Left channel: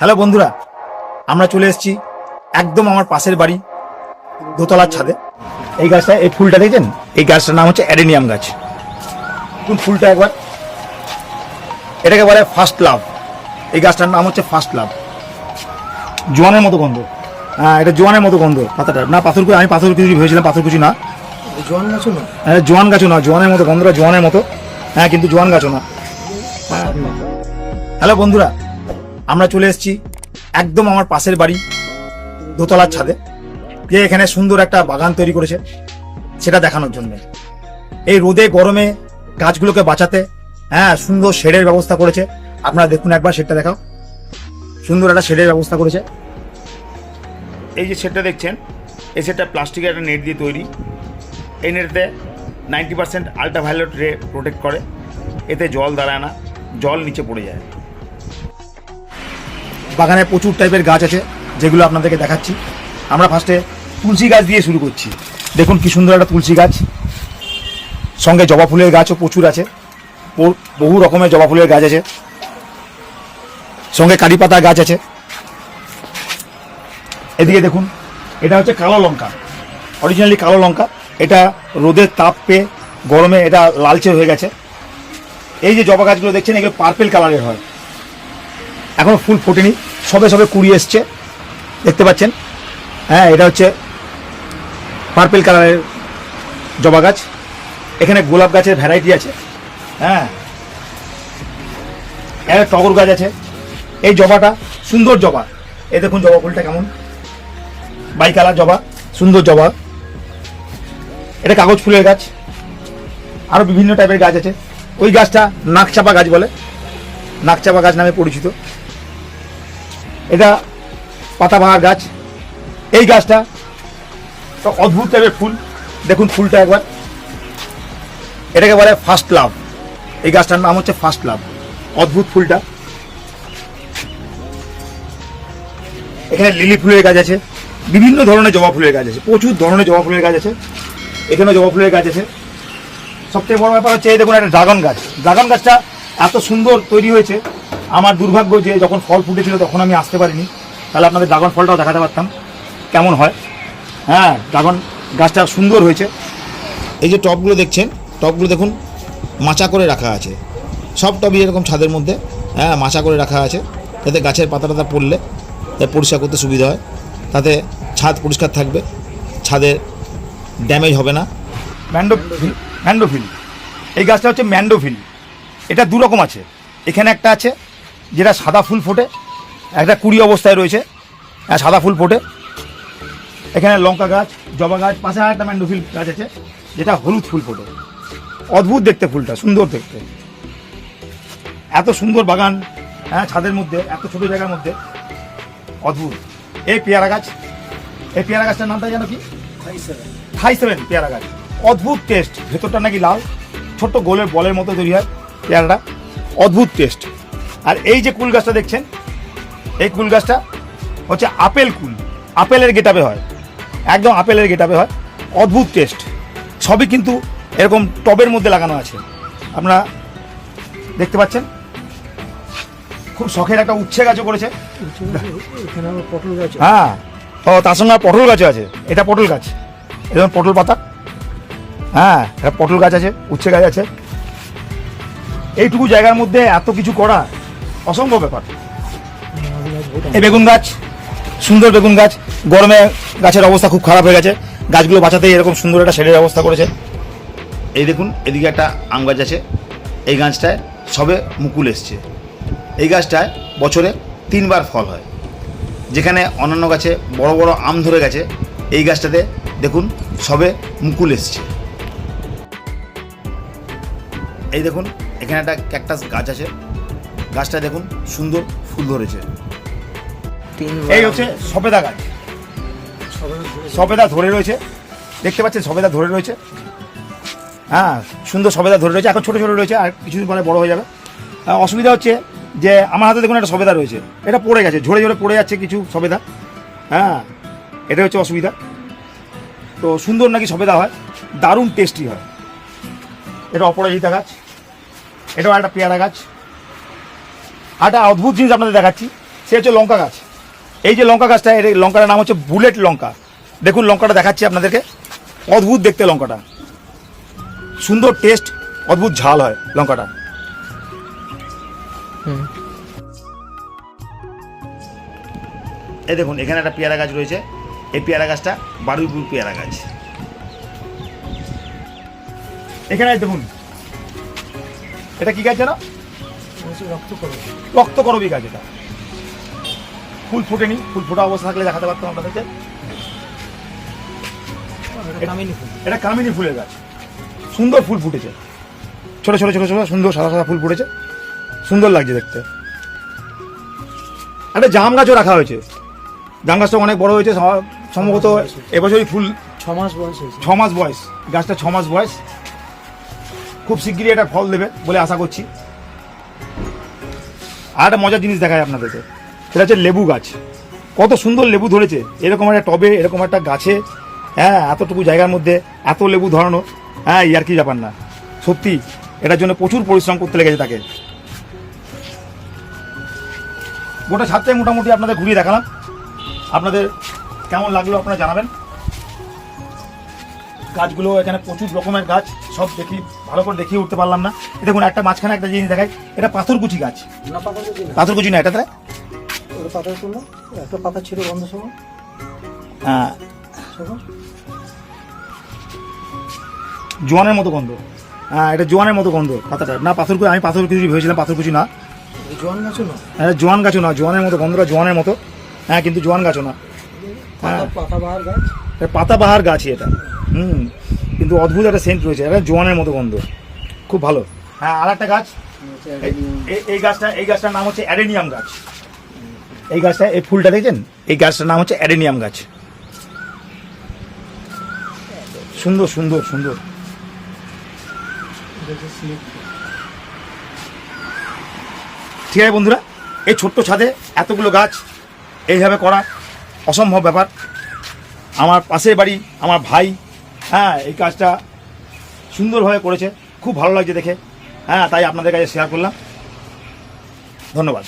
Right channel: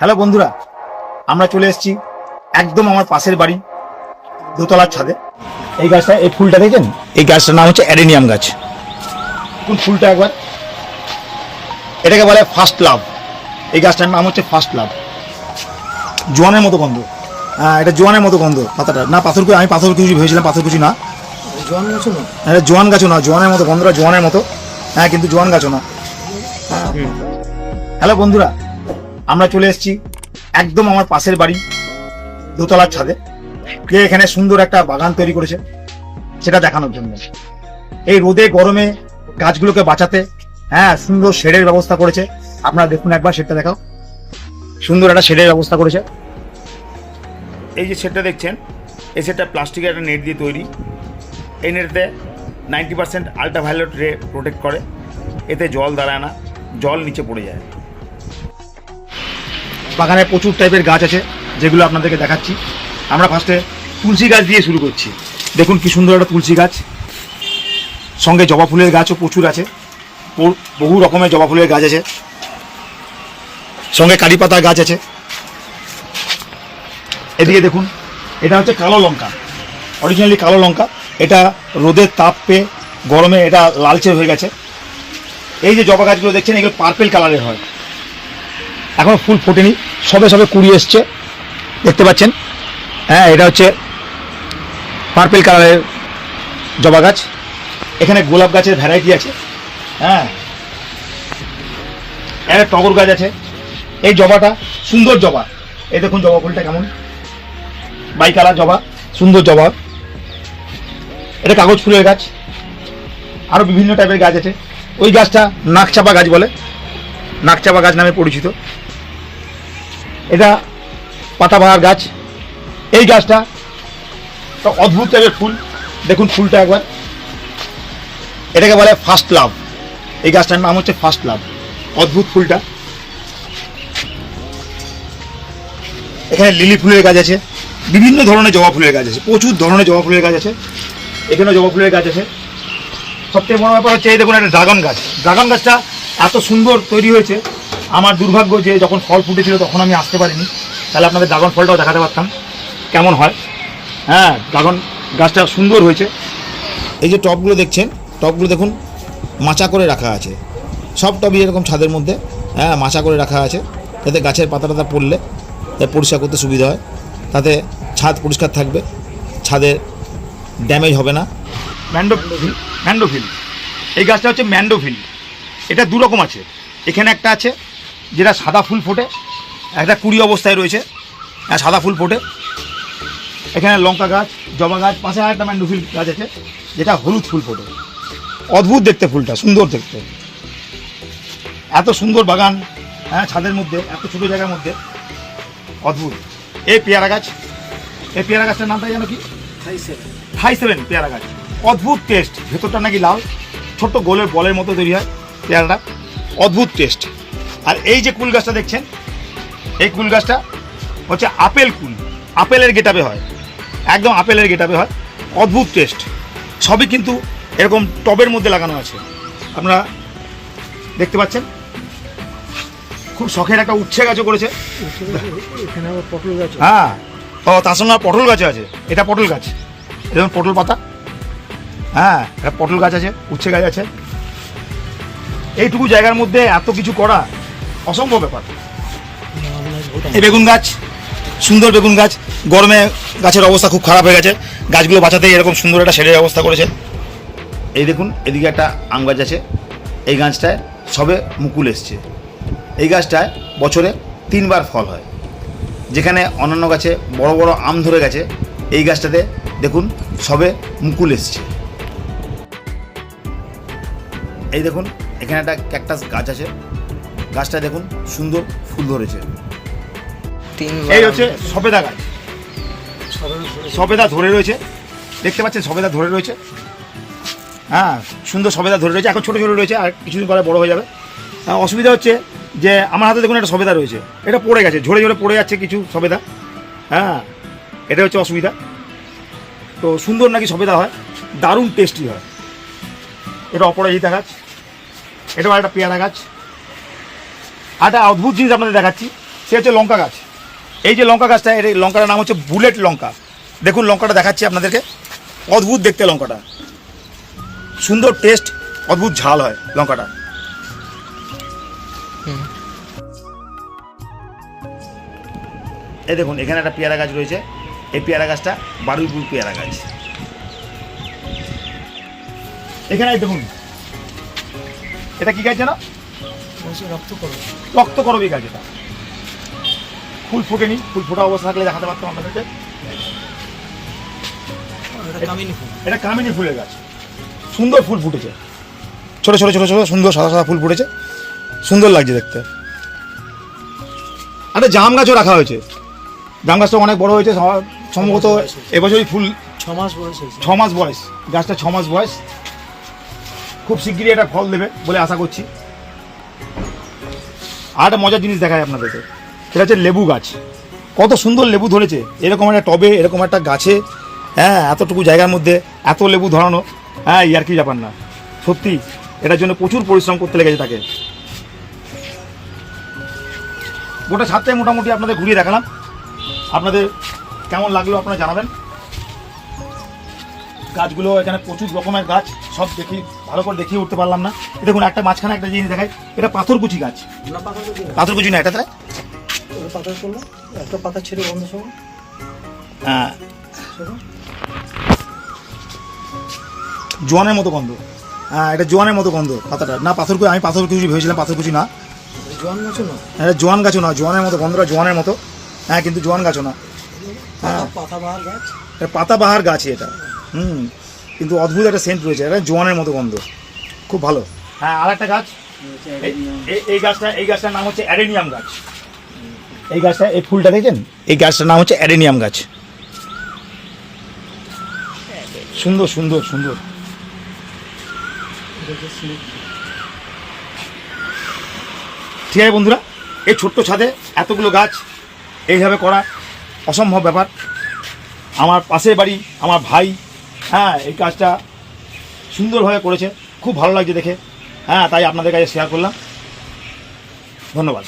Hello বন্ধুরা, আমরা চলে এসেছি একদম আমার পাশের বাড়ি দোতলার ছাদে। এই গাছটা, এই ফুলটা দেখেন, এই গাছটার নাম হচ্ছে অ্যাডেনিয়াম গাছ। কোন ফুলটা একবার, এটাকে বলে ফার্স্ট লাভ। এই গাছটার নাম হচ্ছে ফার্স্ট লাভ। জোয়ানের মতো গন্ধ, হ্যাঁ এটা জোয়ানের মতো গন্ধ পাতাটা। না পাথরকুচি, আমি পাথরকুচি ভেবেছিলাম, পাথরকুচি না, জোয়ান গাছও না, হ্যাঁ জোয়ান গাছও না, জোয়ানের মতো গন্ধটা জোয়ানের মতো, হ্যাঁ কিন্তু জোয়ান গাছও না। হ্যালো বন্ধুরা, আমরা চলে এসেছি একদম আমার পাশের বাড়ি দোতলার ছাদে। কে এখানে সুন্দর একটা বাগান তৈরি করেছে সেটা দেখানোর জন্য। এই রোদে গরমে গাছগুলোকে বাঁচাতে হ্যাঁ সুন্দর শেডের ব্যবস্থা করেছে। আপনারা দেখুন একবার শেডটা দেখাও, সুন্দর একটা শেডের ব্যবস্থা করেছে। এই যে শেডটা দেখছেন, এই শেডটা প্লাস্টিকের একটা নেট দিয়ে তৈরি। এই নেটে 90% আল্ট্রাভায়োলেট রে প্রোটেক্ট করে, এতে জল দাঁড়ায় না, জল নিচে পড়ে যায়। বাগানে প্রচুর টাইপের গাছ আছে যেগুলো আপনাদেরকে দেখাচ্ছি। আমরা ফার্স্টে তুলসী গাছ দিয়ে শুরু করছি। দেখুন কি সুন্দর একটা তুলসী গাছ, সঙ্গে জবা ফুলের গাছও প্রচুর আছে, বহু রকমের জবা ফুলের গাছ আছে, সঙ্গে কারি পাতা গাছ আছে। এদিকে দেখুন, এটা হচ্ছে কালো লঙ্কা, অরিজিনালি কালো লঙ্কা। এটা রোদের তাপ পেয়ে গরমে এটা লালচে হয়ে গেছে। এই যে জবা গাছগুলো দেখছেন, এগুলো পার্পেল কালারের হয়, এখনো ফুল ফোটেনি, সবে সবে কুড়ি এসছে, দেখতে পাচ্ছেন। হ্যাঁ এটা হচ্ছে পার্পেল কালারের জবা গাছ। এখানে গোলাপ গাছের ভ্যারাইটি আছে, হ্যাঁ একটা টগর গাছ আছে। এই জবাটা সুন্দর জবা, এই দেখুন জবা ফুলটা কেমন, বাই কালার জবা, সুন্দর জবা। এটা কাগজ ফুলের গাছ, আরও বিভিন্ন টাইপের গাছ আছে। ওই গাছটা নাকচাপা গাছ বলে, নাকচাপা গাছ নামে পরিচিত। এটা পাতাবাহার গাছ। এই গাছটা অদ্ভুত টাইপের ফুল, দেখুন ফুলটা একবার, এটাকে বলে ফার্স্ট লাভ। এই গাছটার নাম হচ্ছে ফার্স্ট লাভ, অদ্ভুত ফুলটা। এখানে লিলি ফুলের গাছ আছে, বিভিন্ন ধরনের জবা ফুলের গাছ আছে, প্রচুর ধরনের জবা ফুলের গাছ আছে। এখানেও জবা ফুলের গাছ আছে। সবথেকে বড় ব্যাপার হচ্ছে এই দেখুন একটা ড্রাগন গাছ। ড্রাগন গাছটা এত সুন্দর তৈরি হয়েছে, আমার দুর্ভাগ্য যে যখন ফল ফুটেছিল তখন আমি আসতে পারিনি, তাহলে আপনাদের ড্রাগন ফলটাও দেখাতে পারতাম কেমন হয়। হ্যাঁ ড্রাগন গাছটা সুন্দর হয়েছে। এই যে টবগুলো দেখছেন, টবগুলো দেখুন মাচা করে রাখা আছে, সব টবই এরকম ছাদের মধ্যে, হ্যাঁ মাচা করে রাখা আছে, যাতে গাছের পাতা টাতা পড়লে পরিষ্কার করতে সুবিধা হয়, তাতে ছাদ পরিষ্কার থাকবে, ছাদে ড্যামেজ হবে না। ম্যান্ডোফিল, এই গাছটা হচ্ছে ম্যান্ডোফিল। এটা দু রকম আছে, এখানে একটা আছে যেটা সাদা ফুল ফোটে, একটা কুড়ি অবস্থায় রয়েছে, হ্যাঁ সাদা ফুল ফোটে। এখানে লঙ্কা গাছ, জবা গাছ, পাশে আর একটা ম্যান্ডোফিল গাছ আছে যেটা হলুদ ফুল ফোটে। অদ্ভুত দেখতে ফুলটা, সুন্দর দেখতে। এত সুন্দর বাগান, হ্যাঁ ছাদের মধ্যে, এত ছোট জায়গার মধ্যে, অদ্ভুত। এই পেয়ারা গাছ, এই পেয়ারা গাছটার নামটা জানো কি? থাই7 পেয়ারা গাছ। অদ্ভুত টেস্ট, ভেতরটা নাকি লাল, ছোট্ট গোলের বলের মতো তৈরি হয় পেয়ারাটা, অদ্ভুত টেস্ট। আর এই যে কুল গাছটা দেখছেন, এই কুল গাছটা হচ্ছে আপেল কুল, আপেলের গেটাপে হয়, একদম আপেলের গেটাপে হয়, অদ্ভুত টেস্ট। সবই কিন্তু এরকম টবের মধ্যে লাগানো আছে, আপনারা দেখতে পাচ্ছেন। খুব শখের একটা উচ্ছে গাছও করেছে, এখানে আবার পটল গাছ, হ্যাঁ তার সঙ্গে পটল গাছও আছে। এটা পটল গাছ, এরকম পটল পাতা, হ্যাঁ এটা পটল গাছ আছে, উচ্ছে গাছ আছে। এইটুকু জায়গার মধ্যে এত কিছু করা অসম্ভব ব্যাপার। এই বেগুন গাছ, সুন্দর বেগুন গাছ। গরমে গাছের অবস্থা খুব খারাপ হয়ে গেছে, গাছগুলো বাঁচাতে এরকম সুন্দর একটা শেডের ব্যবস্থা করেছে। এই দেখুন এদিকে একটা আম গাছ আছে, এই গাছটায় সবে মুকুল এসছে। এই গাছটায় বছরে 3 বার ফল হয়, যেখানে অন্যান্য গাছে বড় বড় আম ধরে গেছে, এই গাছটাতে দেখুন সবে মুকুল এসছে। এই দেখুন এখানে একটা ক্যাকটাস গাছ আছে, গাছটা দেখুন সুন্দর ফুল ধরেছে। এই হচ্ছে সবেদা গাছ, সবেদা ধরে রয়েছে, দেখতে পাচ্ছেন সবেদা ধরে রয়েছে, হ্যাঁ সুন্দর সবেদা ধরে রয়েছে। এখন ছোটো ছোটো রয়েছে, আর কিছুদিন পরে বড় হয়ে যাবে। অসুবিধা হচ্ছে যে আমার হাতে দেখুন একটা সবেদা রয়েছে, এটা পড়ে গেছে, ঝরে ঝরে পড়ে যাচ্ছে কিছু সবেদা, হ্যাঁ এটা হচ্ছে অসুবিধা। তো সুন্দর নাকি সবেদা হয়, দারুণ টেস্টি হয়। এটা অপরাজিতা গাছ, এটাও একটা পেয়ারা গাছ। একটা অদ্ভুত জিনিস আপনাদের দেখাচ্ছি, সে হচ্ছে লঙ্কা গাছ। এই যে লঙ্কা গাছটা, এই লঙ্কাটার নাম হচ্ছে বুলেট লঙ্কা। দেখুন লঙ্কাটা দেখাচ্ছি আপনাদেরকে, অদ্ভুত দেখতে লঙ্কাটা, সুন্দর টেস্ট, অদ্ভুত ঝাল হয় লঙ্কাটা। এই দেখুন এখানে একটা পেয়ারা গাছ রয়েছে, এই পেয়ারা গাছটা বারুইপুর পেয়ারা গাছ। এখানে দেখুন এটা কি গাছ জানো? রক্ত করবে। রক্তকরবী গাছ। এটা ফুল ফোটেনি, ফুল ফোটা অবস্থা থাকলে দেখাতে পারতাম আপনাদেরকে। এটা কামিনী ফুলের গাছ, সুন্দর ফুল ফুটেছে, ছোট ছোট ছোট ছোট সুন্দর সাদা সাদা ফুল ফুটেছে, সুন্দর লাগছে দেখতে। একটা জাম গাছও রাখা হয়েছে, জাম গাছটা অনেক বড় হয়েছে, সম্ভবত এবছরই ফুল 6 মাস বয়স হয়েছে। 6 মাস বয়স, গাছটা 6 মাস বয়স, খুব শিগগিরই এটা ফল দেবে বলে আশা করছি। আর একটা মজার জিনিস দেখায় আপনাদেরকে, সেটা হচ্ছে লেবু গাছ। কত সুন্দর লেবু ধরেছে এরকম একটা টবে, এরকম একটা গাছে, হ্যাঁ এতটুকু জায়গার মধ্যে এত লেবু ধরানো, হ্যাঁ ইয়ার কি ব্যাপার না, সত্যি এটার জন্য প্রচুর পরিশ্রম করতে লেগেছে তাকে। গোটা ছাদটাই মোটামুটি আপনাদের ঘুরিয়ে দেখালাম, আপনাদের কেমন লাগলো আপনারা জানাবেন। গাছগুলো এখানে প্রচুর রকমের গাছ, সব দেখি ভালো করে দেখিয়ে উঠতে পারলাম না। দেখুন একটা মাঝখানে একটা জিনিস দেখায়, এটা পাথরকুচি গাছ। না পাতা তো দিন। পাথরকুচি না, এটা ওটা পাতা করলো, একটা পাতা ছেড়ে বন্ধ সময়। হ্যাঁ শোনো। জোয়ানের মতো গন্ধ। হ্যাঁ এটা জোয়ানের মতো গন্ধ পাতাটা, না পাথরকুচি, আমি পাথরকুচি ভেবেছিলাম, পাথরকুচি না, জোয়ান গাছও না। হ্যাঁ জোয়ান গাছও না, জোয়ানের মতো গন্ধটা জোয়ানের মতো, হ্যাঁ কিন্তু জোয়ান গাছও না, পাতাবাহার গাছ। এটা পাতাবাহার গাছই এটা। কিন্তু অদ্ভুত একটা সেন্ট রয়েছে, এটা জোয়ানের মতো গন্ধ, খুব ভালো। হ্যাঁ আর একটা গাছ, এই গাছটার নাম হচ্ছে অ্যাডেনিয়াম গাছ। এই গাছটা, এই ফুলটা দেখছেন, এই গাছটার নাম হচ্ছে অ্যাডেনিয়াম গাছ। সুন্দর সুন্দর সুন্দর। ঠিক আছে বন্ধুরা, এই ছোট্ট ছাদে এতগুলো গাছ এইভাবে করা অসম্ভব ব্যাপার। আমার পাশের বাড়ি আমার ভাই, হ্যাঁ এই কাজটা সুন্দরভাবে করেছে, খুব ভালো লাগছে দেখে, হ্যাঁ তাই আপনাদের কাছে শেয়ার করলাম। ধন্যবাদ।